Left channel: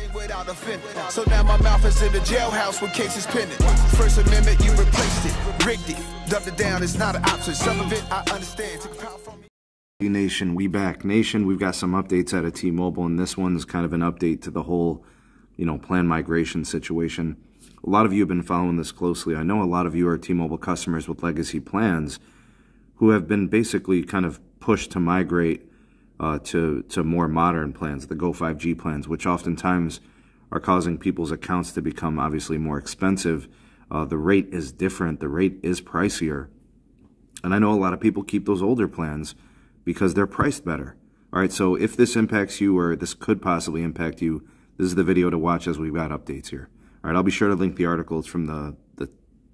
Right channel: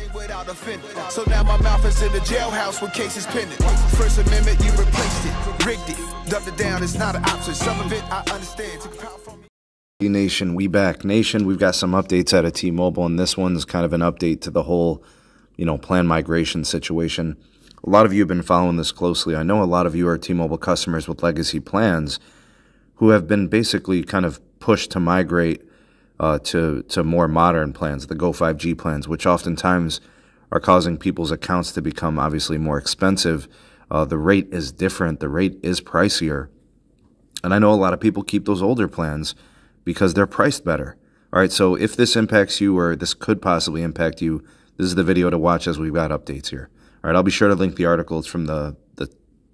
everything without offending. So now my mouth is in the jailhouse with cases pending. First Amendment, you replaced it, rigged it, dubbed it down. It's not an option. Some of it I understand. Took power from me. Nation, we back. Nation, we've got some updates out of T-Mobile, and this one's kind of an update to the whole, plan migration situation. A lot of you have been following this closely. I know a lot of you are T-Mobile customers with legacy plans who have been basically kind of pushed to migrate to more modern plans, the Go 5G plans, which oftentimes are causing people's accounts to become obviously more expensive. The rate is different. The rate is pricier. And I know a lot of people keep those older plans because they're priced better. All right, so if this impacts you, or this could possibly impact you, this is the video to watch as we've got updates here. All right, I'll be sure to link the article. It's from the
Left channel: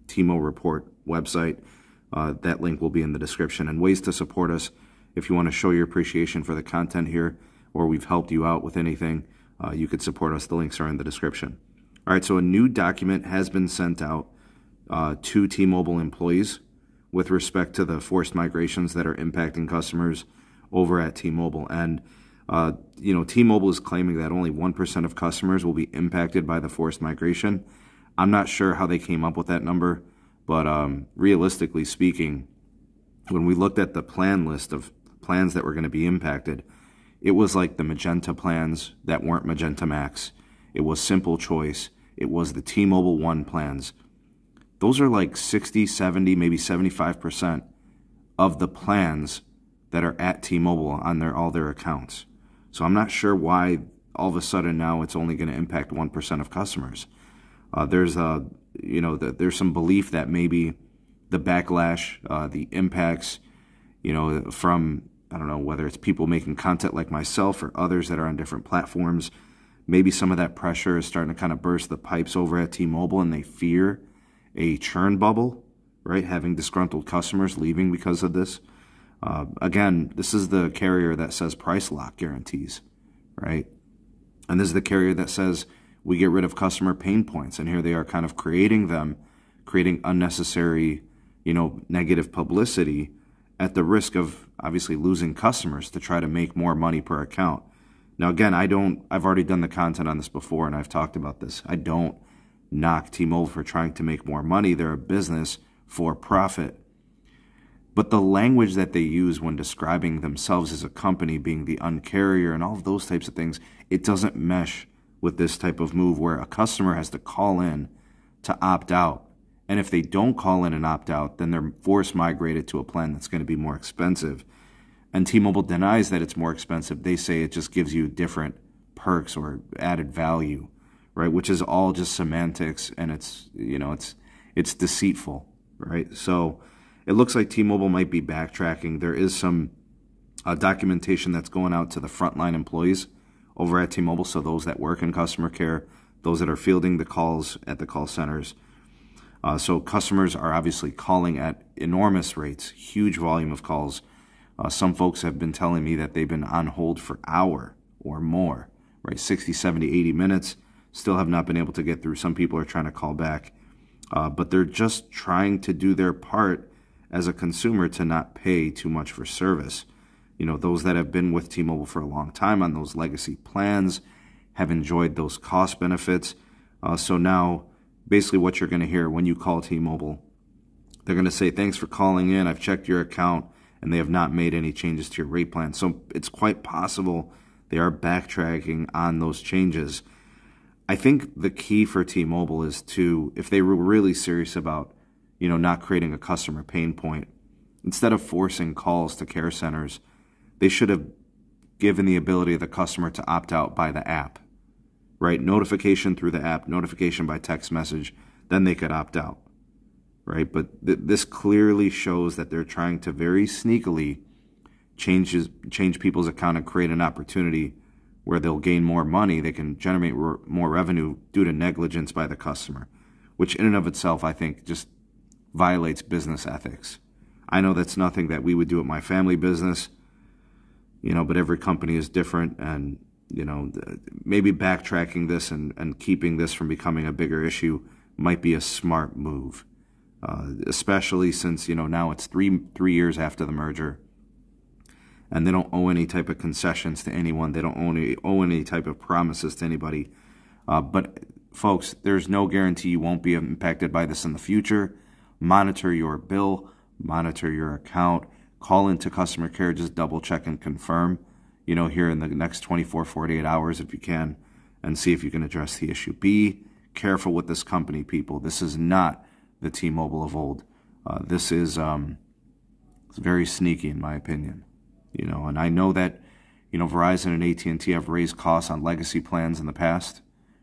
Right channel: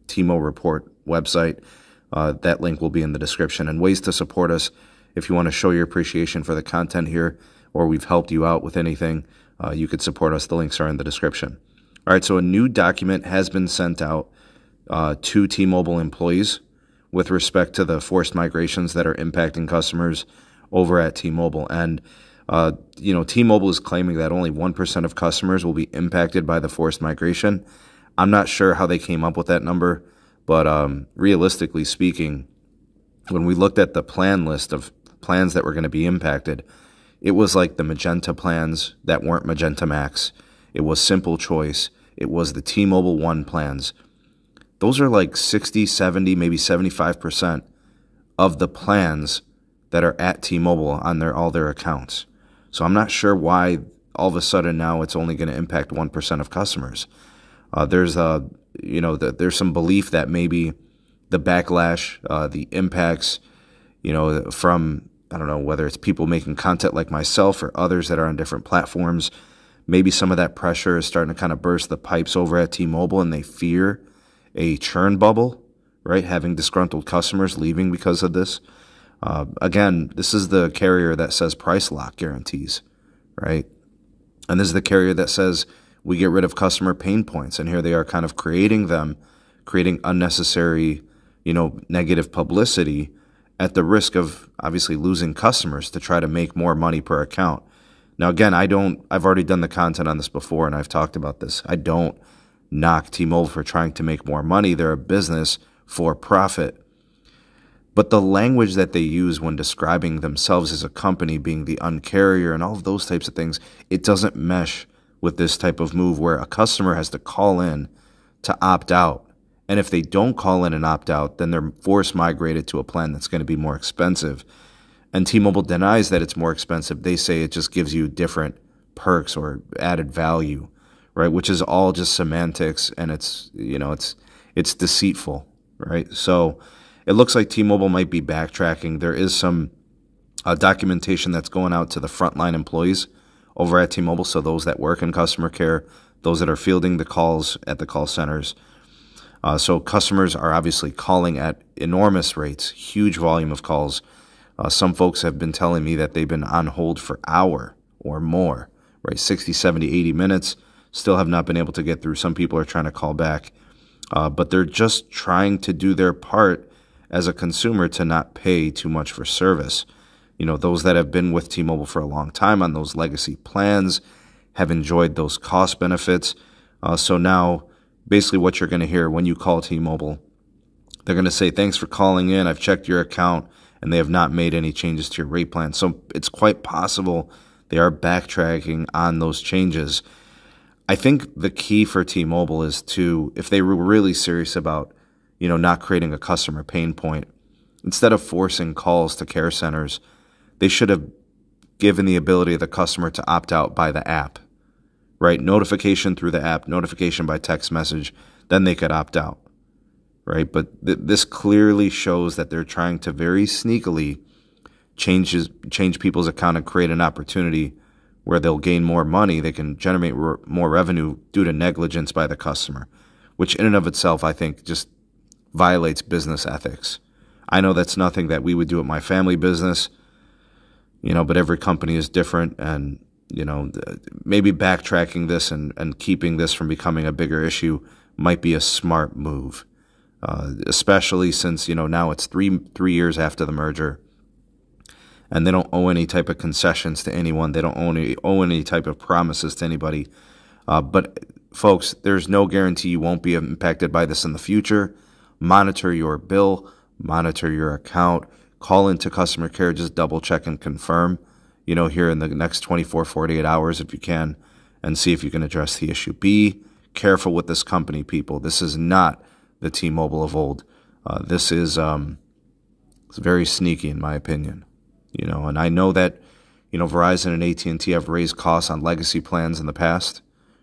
T-Mo Report website. That link will be in the description. And ways to support us if you want to show your appreciation for the content here, or we've helped you out with anything, you could support us. The links are in the description. All right, so a new document has been sent out to T-Mobile employees with respect to the forced migrations that are impacting customers over at T-Mobile. And, T-Mobile is claiming that only 1% of customers will be impacted by the forced migration. I'm not sure how they came up with that number, but realistically speaking, when we looked at the plan list of plans that were going to be impacted, it was like the Magenta plans that weren't Magenta MAX. It was Simple Choice. It was the T-Mobile One plans. Those are like 60, 70, maybe 75% of the plans that are at T-Mobile on all their accounts. So I'm not sure why all of a sudden now it's only going to impact 1% of customers. There's some belief that maybe the backlash, the impacts, from, I don't know, whether it's people making content like myself or others that are on different platforms, maybe some of that pressure is starting to kind of burst the pipes over at T-Mobile, and they fear a churn bubble, right? Having disgruntled customers leaving because of this. Again, this is the carrier that says price lock guarantees, right? And this is the carrier that says we get rid of customer pain points. And here they are kind of creating unnecessary, negative publicity at the risk of obviously losing customers to try to make more money per account. Now, again, I've already done the content on this before, and I've talked about this. I don't knock T-Mobile for trying to make more money. They're a business for profit. But the language that they use when describing themselves as a company, being the uncarrier and all of those types of things, it doesn't mesh with this type of move where a customer has to call in to opt out. And if they don't call in and opt out, then they're force migrated to a plan that's going to be more expensive. And T-Mobile denies that it's more expensive. They say it just gives you different perks or added value, right? Which is all just semantics, and it's deceitful, right? So it looks like T-Mobile might be backtracking. There is some documentation that's going out to the frontline employees over at T-Mobile, so those that work in customer care, those that are fielding the calls at the call centers. So customers are obviously calling at enormous rates, huge volume of calls. Some folks have been telling me that they've been on hold for an hour or more, right? 60, 70, 80 minutes, still have not been able to get through. Some people are trying to call back, but they're just trying to do their part as a consumer to not pay too much for service. Those that have been with T-Mobile for a long time on those legacy plans have enjoyed those cost benefits. So now basically what you're going to hear when you call T-Mobile, they're going to say, thanks for calling in. I've checked your account, and they have not made any changes to your rate plan. So it's quite possible they are backtracking on those changes. I think the key for T-Mobile is to, if they were really serious about, not creating a customer pain point, instead of forcing calls to care centers, they should have given the ability of the customer to opt out by the app, right? Notification through the app, notification by text message, then they could opt out, right? But this clearly shows that they're trying to very sneakily change people's account and create an opportunity where they'll gain more money. They can generate more revenue due to negligence by the customer, which in and of itself, I think, just violates business ethics. I know that's nothing that we would do at my family business, but every company is different, and, maybe backtracking this and keeping this from becoming a bigger issue might be a smart move, especially since, now it's three years after the merger, and they don't owe any type of concessions to anyone. They don't owe any type of promises to anybody. But folks, there's no guarantee you won't be impacted by this in the future. Monitor your bill, monitor your account, call into customer care, just double check and confirm, here in the next 24, 48 hours if you can, and see if you can address the issue. Be careful with this company, people. This is not the T-Mobile of old. This is it's very sneaky in my opinion. And I know that, Verizon and AT&T have raised costs on legacy plans in the past,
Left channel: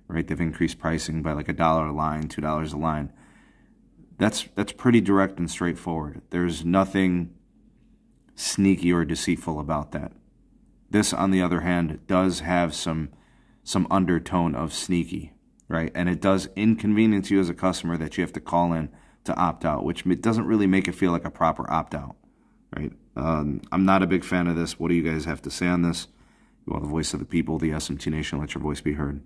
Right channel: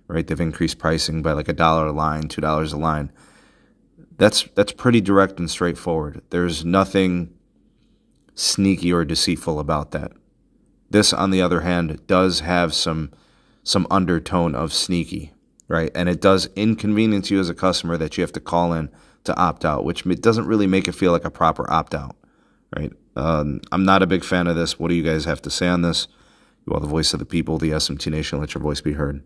right? They've increased pricing by like $1 a line, $2 a line. That's pretty direct and straightforward. There's nothing sneaky or deceitful about that. This, on the other hand, does have some undertone of sneaky, right? And it does inconvenience you as a customer that you have to call in to opt out, which doesn't really make it feel like a proper opt-out, right? I'm not a big fan of this. What do you guys have to say on this? You are the voice of the people, the SMT Nation. Let your voice be heard.